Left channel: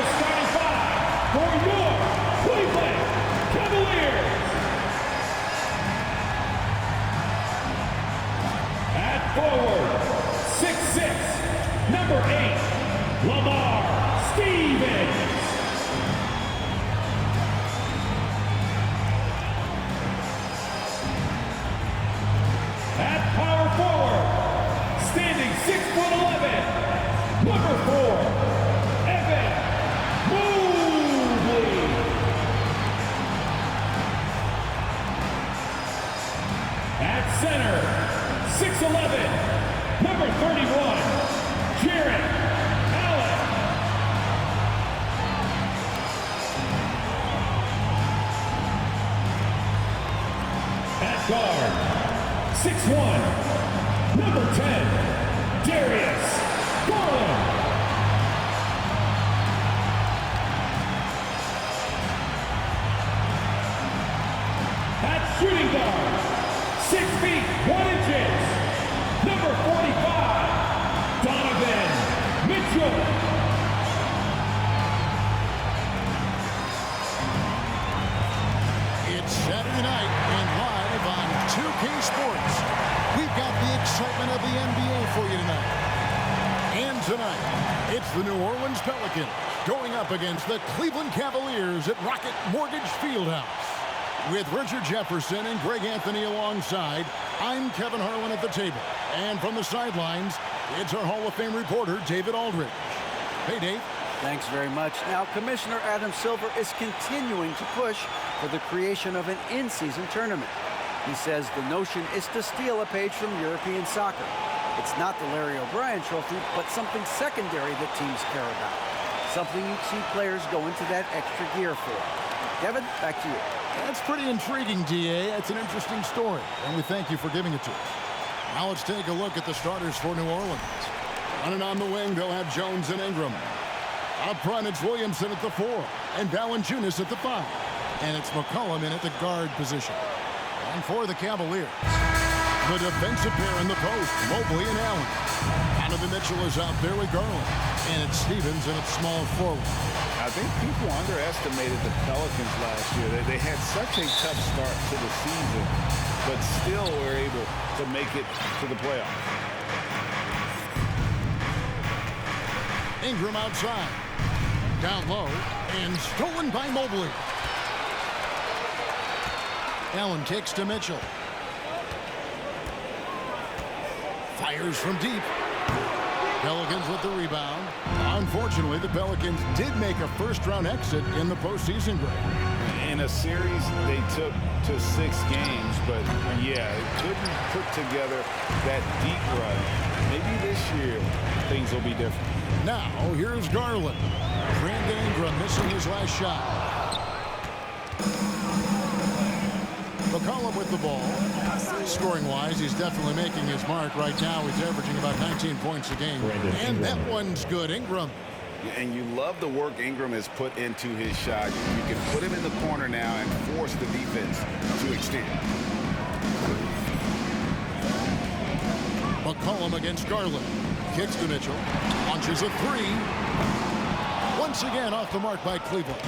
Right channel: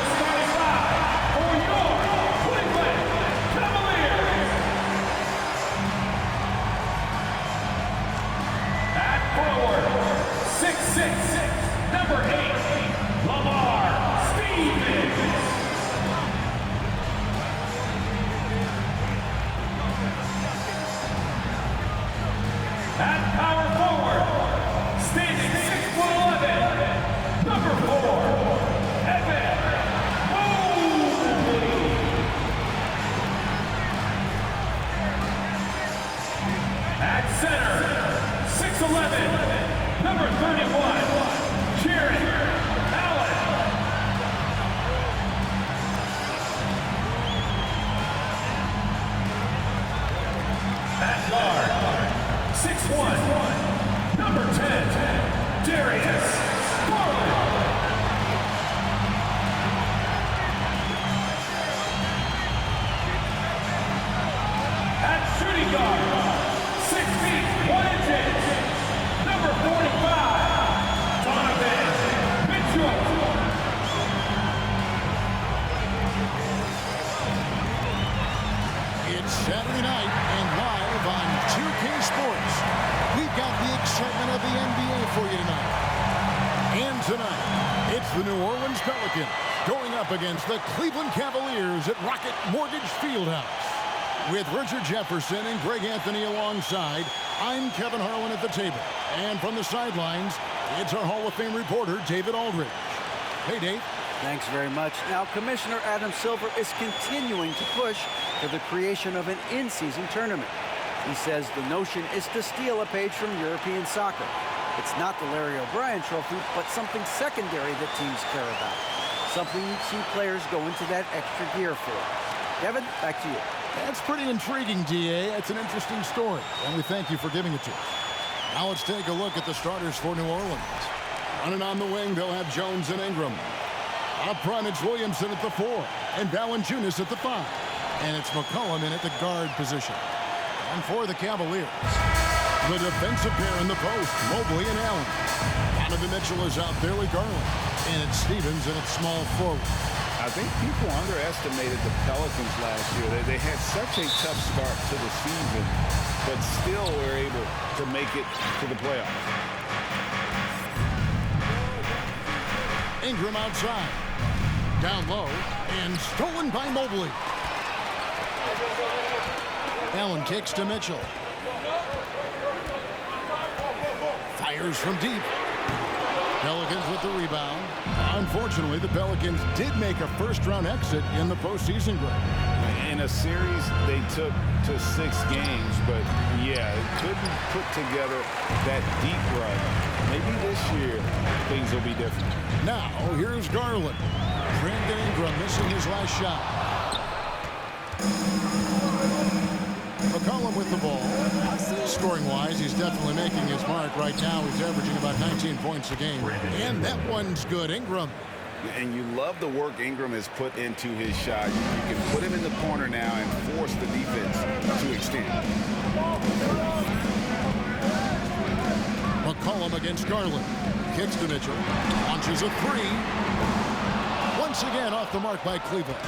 the starting five for your Cleveland Cavaliers. At forward, 6'6", number 8, Lamar Stevens. At power forward, standing 6'11", number 4, Evan Mobley. At center, 6'11", number 31, Jarrett Allen. At guard, 6'1", number 10, Darius Garland. At shooting guard, 6 feet 1 inches, number 45, Donovan Mitchell. It's Saturday night and live on 2K Sports. We've got the excitement of the NBA for you tonight. And tonight, it's the New Orleans Pelicans going up against the Cleveland Cavaliers at Rocket Mortgage Fieldhouse. With Richard Jefferson and Greg Anthony alongside, I'm Kevin Harlan at the table. And from the sidelines, it's our Hall of Fame reporter, David Aldridge. Hey, Dave. Thanks very much. Now, Commissioner Adam Silver is continuing to push for the creation of an in-season tournament. He says the notion is to steal a page from European soccer. It's not the Larry O'Brien Trophy, but something secondary that teams care about. Something you'd see players go into that extra gear for. Kevin, back to you. That's pretty intriguing, D.A. It's an interesting story, and we thank you for giving it to us. Now let's take a look at the starters for New Orleans. Running on the wing, they'll have Jones and Ingram. Up front, it's Williamson at the 4, and Valanciunas at the 5. And it's McCollum in at the guard position. And for the Cavaliers, the defensive pair in the post, Mobley and Allen. Donovan Mitchell is out there with Garland. And it's Stevens in at small forward. I think people underestimated the Pelicans last year. They had such a tough start to the season, but still were able to make it to the playoffs. Ingram outside. Down low, and stolen by Mobley. Allen kicks to Mitchell. Fires from deep. Pelicans with the rebound. Unfortunately, the Pelicans did make a first-round exit in the postseason, Greg. In a series they took to 6 games, but yeah, it couldn't put together that deep run. Maybe this year things will be different. Now, here's Garland. Brandon Ingram missing his last shot. McCollum with the ball. Scoring-wise, he's definitely making his mark. Right now, he's averaging about 19 points a game. And that one's good. Ingram. And you love the work Ingram has put into his shot. You can put him in the corner now and force the defense to extend. McCollum against Garland. Kicks to Mitchell. Launches a 3. Once again off the mark by Cleveland.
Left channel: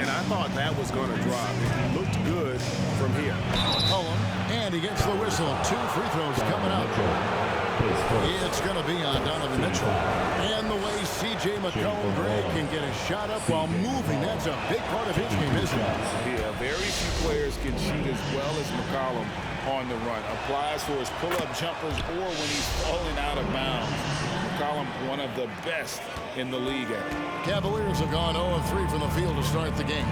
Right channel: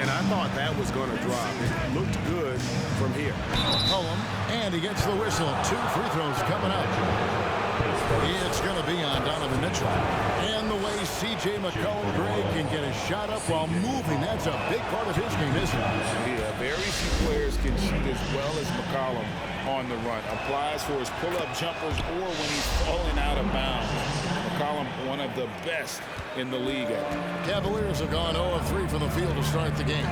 And I thought that was going to drop. It looked good from here. McCollum, and he gets the whistle. 2 free throws coming up. It's going to be on Donovan Mitchell. And the way C.J. McCollum, Greg, can get a shot up while moving, that's a big part of his game, isn't it? Yeah, very few players can shoot as well as McCollum on the run. Applies for his pull-up jumpers or when he's falling out of bounds. McCollum, one of the best in the league at it. Cavaliers have gone 0-3 from the field to start the game.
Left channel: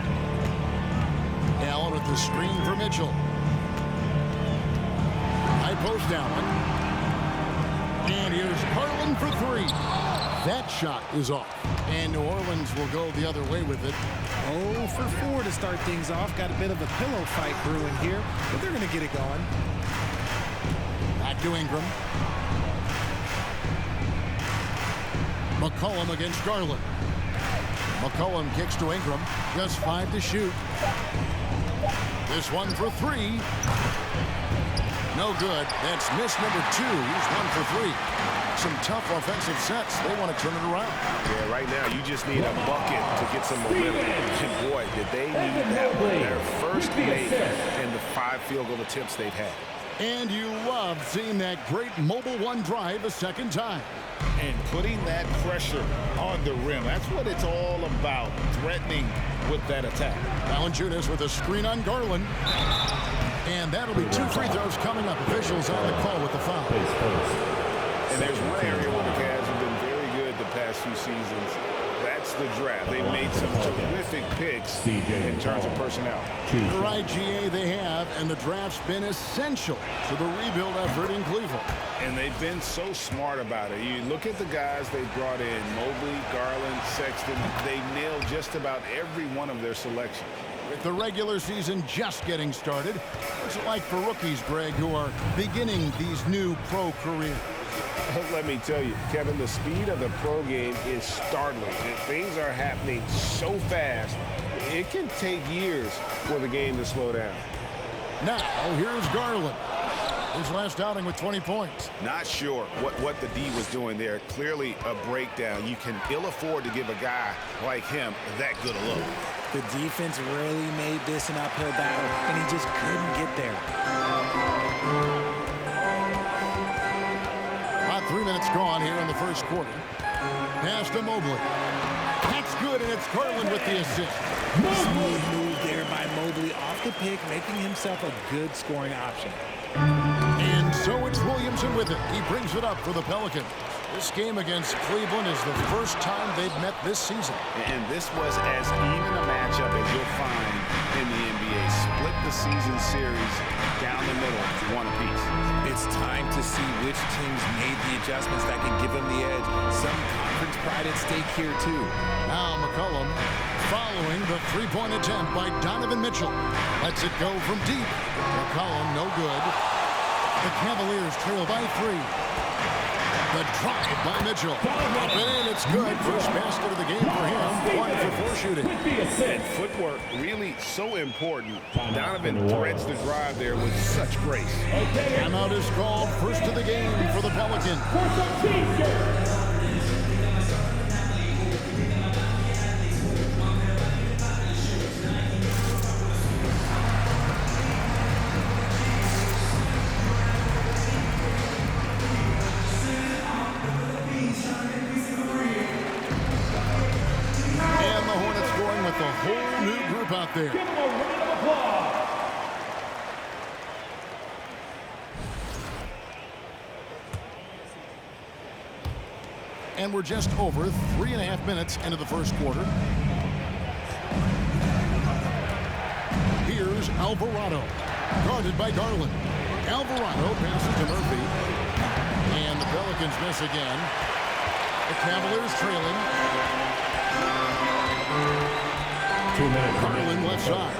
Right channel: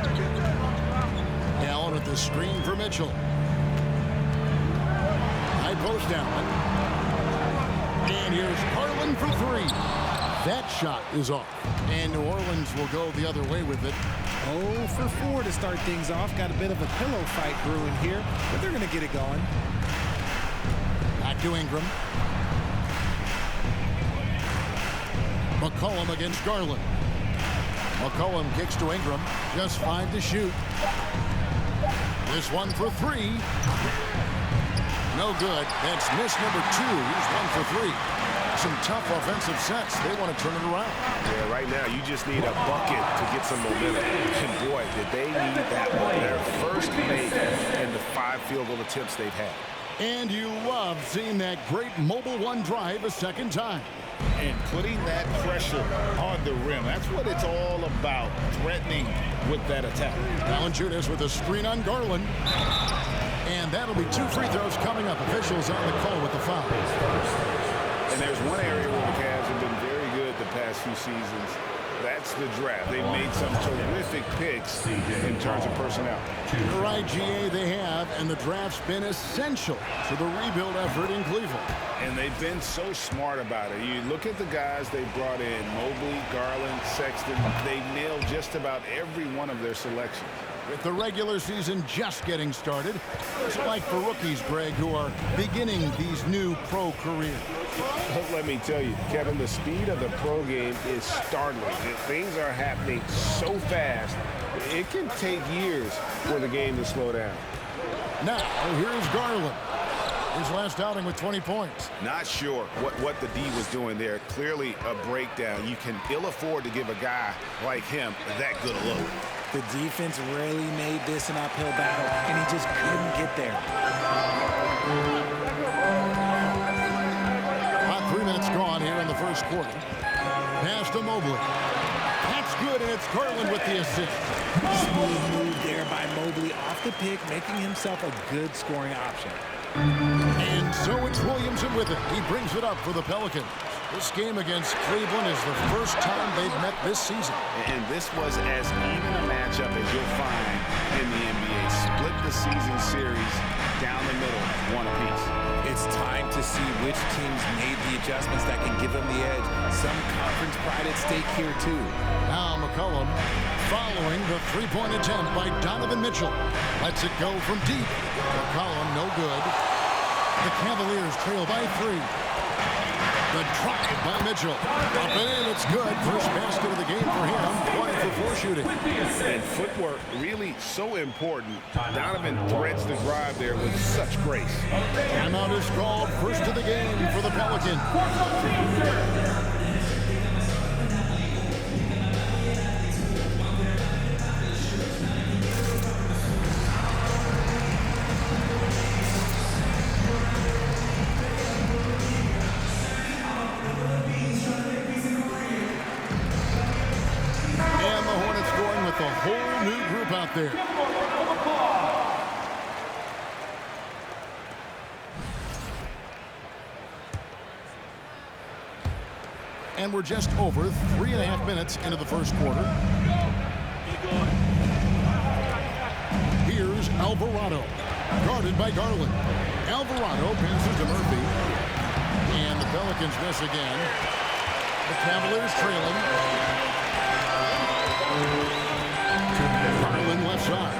Allen with the screen for Mitchell. High post Allen. And here's Garland for 3. That shot is off. And New Orleans will go the other way with it. 0 for 4 to start things off. Got a bit of a pillow fight brewing here, but they're going to get it going. Back to Ingram. McCollum against Garland. McCollum kicks to Ingram. Just 5 to shoot. This one for 3. No good. That's miss number 2. He's 1 for 3. some tough offensive sets. They want to turn it around. Yeah, right now you just need a bucket to get some momentum. And boy, did they need that one. Their first make in the 5 field goal attempts they've had. And you love seeing that great mobile one drive a second time. And putting that pressure on the rim. That's what it's all about, threatening with that attack. Valanciunas with a screen on Garland. And that'll be 2 free throws coming up. Officials on the call with the foul. And there's one area where the Cavs have been very good the past few seasons. That's the draft. They've made some terrific picks in terms of personnel. You're right, GA, they have, and the draft's been essential to the rebuild effort in Cleveland. And they've been so smart about it. You look at the guys they brought in, Mobley, Garland, Sexton. They nailed just about every one of their selections. With the regular season just getting started, what's it like for rookies, Greg, who are beginning these new pro careers? Let me tell you, Kevin, the speed of the pro game is startling. Things are happening so fast, it can take years for the game to slow down. Now, here's Garland. His last outing with 20 points. Not sure what the D was doing there. Clearly a breakdown. You can ill afford to give a guy like him that good a look. The defense really made this an uphill battle, and he just couldn't get there. About 3 minutes gone here in the first quarter. Pass to Mobley. That's good, and it's Garland with the assist. Smooth move there by Mobley off the pick, making himself a good scoring option. And so it's Williamson with it. He brings it up for the Pelicans. This game against Cleveland is the first time they've met this season. And this was as even a matchup as you'll find in the NBA. Split the season series down the middle, one apiece. It's time to see which teams made the adjustments that can give them the edge. Some conference pride at stake here, too. Now McCollum following the three-point attempt by Donovan Mitchell. Lets it go from deep. McCollum no good. The Cavaliers trail by 3. The drive by Mitchell. Up and in, it's good. First basket of the game for him. 1 for 4 shooting. And footwork really so important. Donovan threads the drive there with such grace. Timeout is called. First of the game for the Pelicans. With a whole new group out there. Give them a round of applause. And we're just over 3.5 minutes into the first quarter. Here's Alvarado, guarded by Garland. Alvarado passes to Murphy. And the Pelicans miss again. The Cavaliers trailing. Garland left side.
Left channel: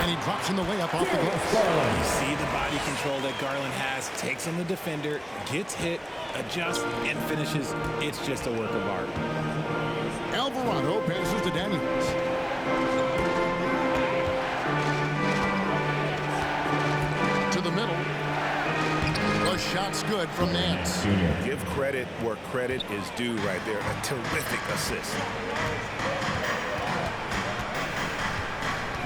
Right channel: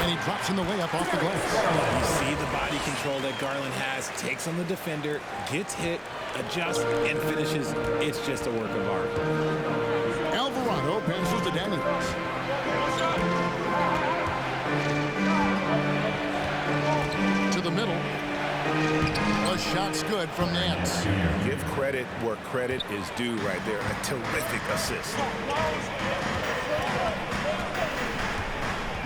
And he drops in the layup off the glass. You see the body control that Garland has. Takes on the defender, gets hit, adjusts, and finishes. It's just a work of art. Alvarado passes to Daniels. To the middle. The shot's good from Nance. Give credit where credit is due right there. A terrific assist.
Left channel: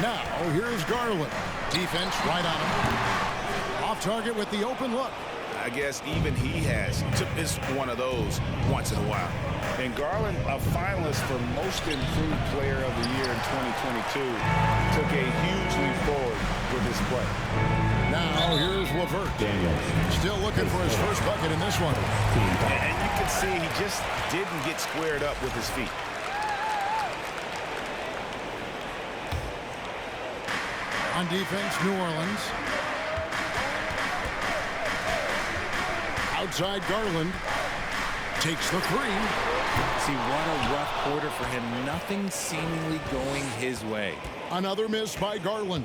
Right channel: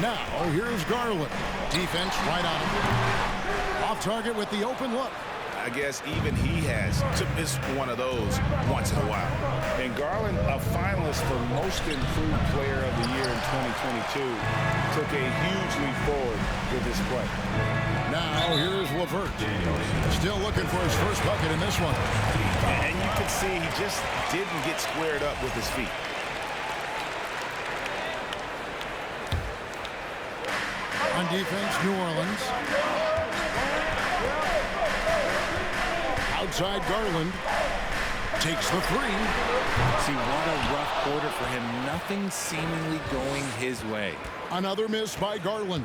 Now, here's Garland. Defense right on him. Off target with the open look. I guess even he has to miss one of those once in a while. And Garland, a finalist for Most Improved Player of the Year in 2022, took a huge leap forward with his play. Now, here's LeVert. Still looking for his first bucket in this one. And you can see he just didn't get squared up with his feet. On defense, New Orleans. Outside Garland. Takes the 3. See, what a rough quarter for him. Nothing seemingly going his way. Another miss by Garland.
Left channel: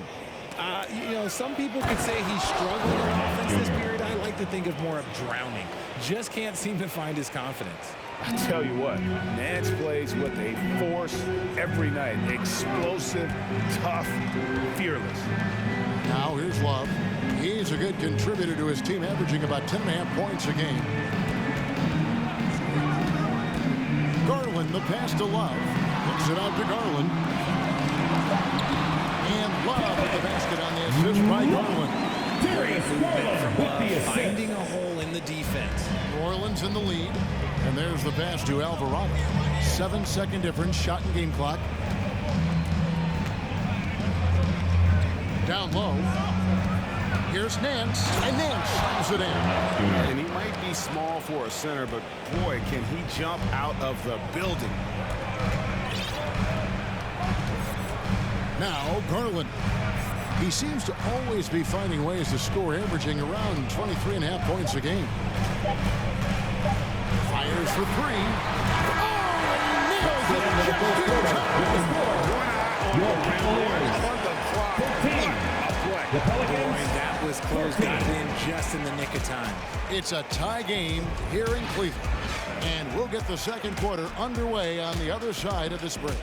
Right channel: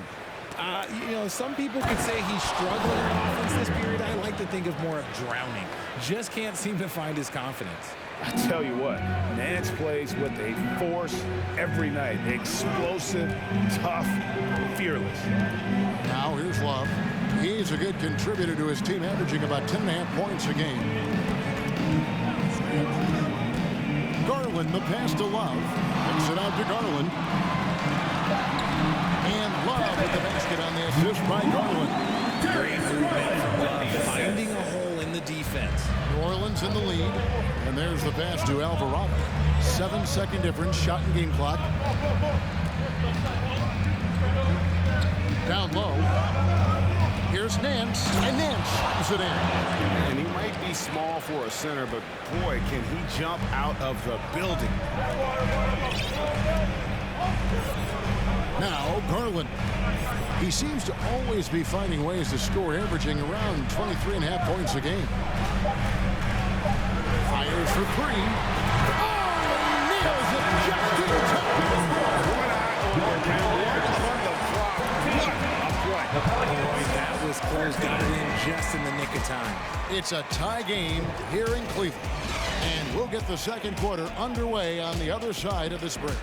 You know, some people could say he's struggling on offense this period. I like to think of more of drowning. Just can't seem to find his confidence. I tell you what, Nance plays with a force every night. Explosive, tough, fearless. Now here's Love. He's a good contributor to his team, averaging about 10.5 points a game. Franklin, the pass to Love. Kicks it out to Garland. And Love with the basket on the assist by Garland. Great movement from Love, finding a hole in the defense. New Orleans in the lead. And there's the pass to Alvarado. 7-second difference, shot and game clock. Down low. Here's Nance, and Nance slams it in. And he might be small for a center, but boy, can he jump out of the building. Now, Garland. He seems to always be finding ways to score, averaging around 23.5 points a game. Fires for three. Oh, and he nails it just in time. One eye on the rim, one on the clock. What a play. Boy, that was close. Got it in just in the nick of time. It's a tie game here in Cleveland. And we'll get the second quarter underway on the other side of this break.